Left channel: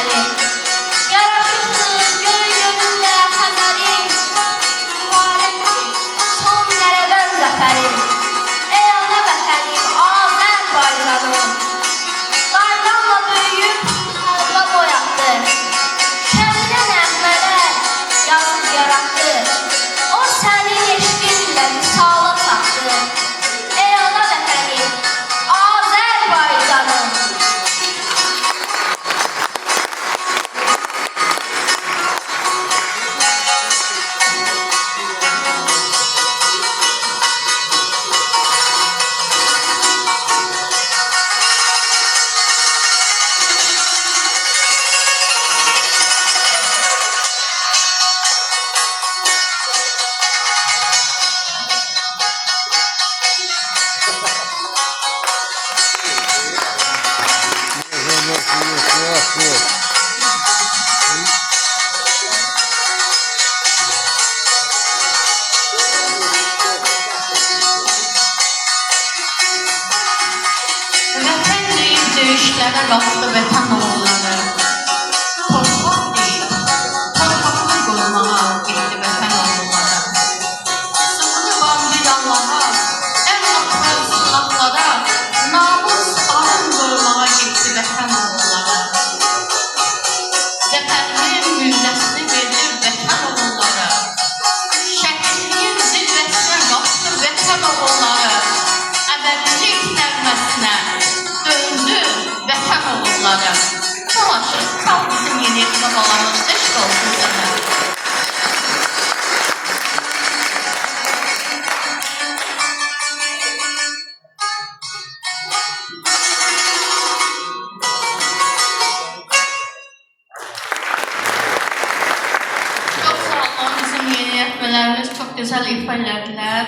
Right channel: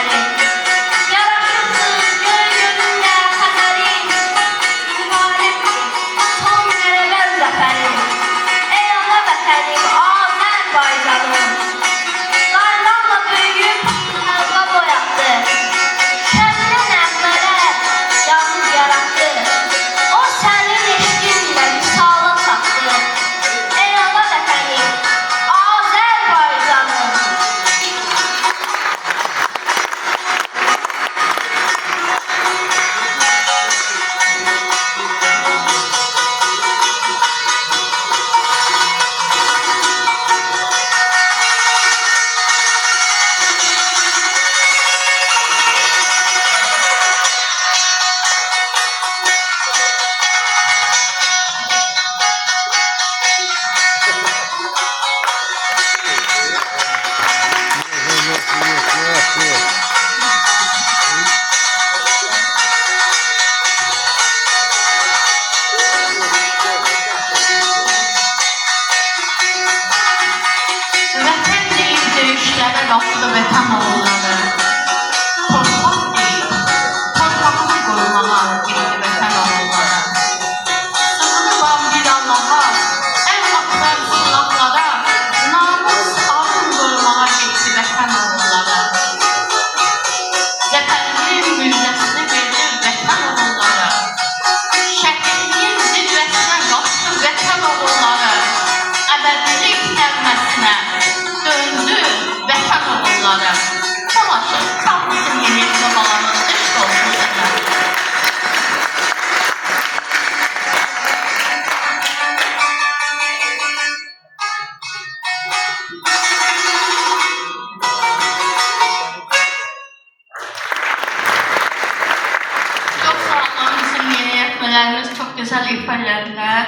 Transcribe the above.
şəhərin. Yaraşıqdır göy gönüllə Xəzərin. Mübarəkdir son qələbən zəfərin. Ey ana vətənim Azərbaycanım. Laylanla böyüyüb xalqa boyatdı. Şəmlə nəğmələr yazıb yarattı. O sənin eşqinlə misala çatdı. Ey ana vətənim Azərbaycanım. Vətən deyib döyüşlərə qalxdı vətən oğulları. Torpaq deyib, torpağını qorumağa getdi vətən oğulları. Sığını bandir Allaha, ən atlar silahlara, namus arın qorumağa getdi vətən oğulları. Zəfərinin müjdəsini verdi vətən oğulları. Şəhidliyin zirvəsinə qalxdı vətən oğulları. Əbədilik nəğməsinə döndü vətən oğulları. Dolaşır, kalmışsın yeni babalarımız, eşq olsun vətən. Çok sağ olun, bizim yeni yetmelerimiz çok güzel ifadeler.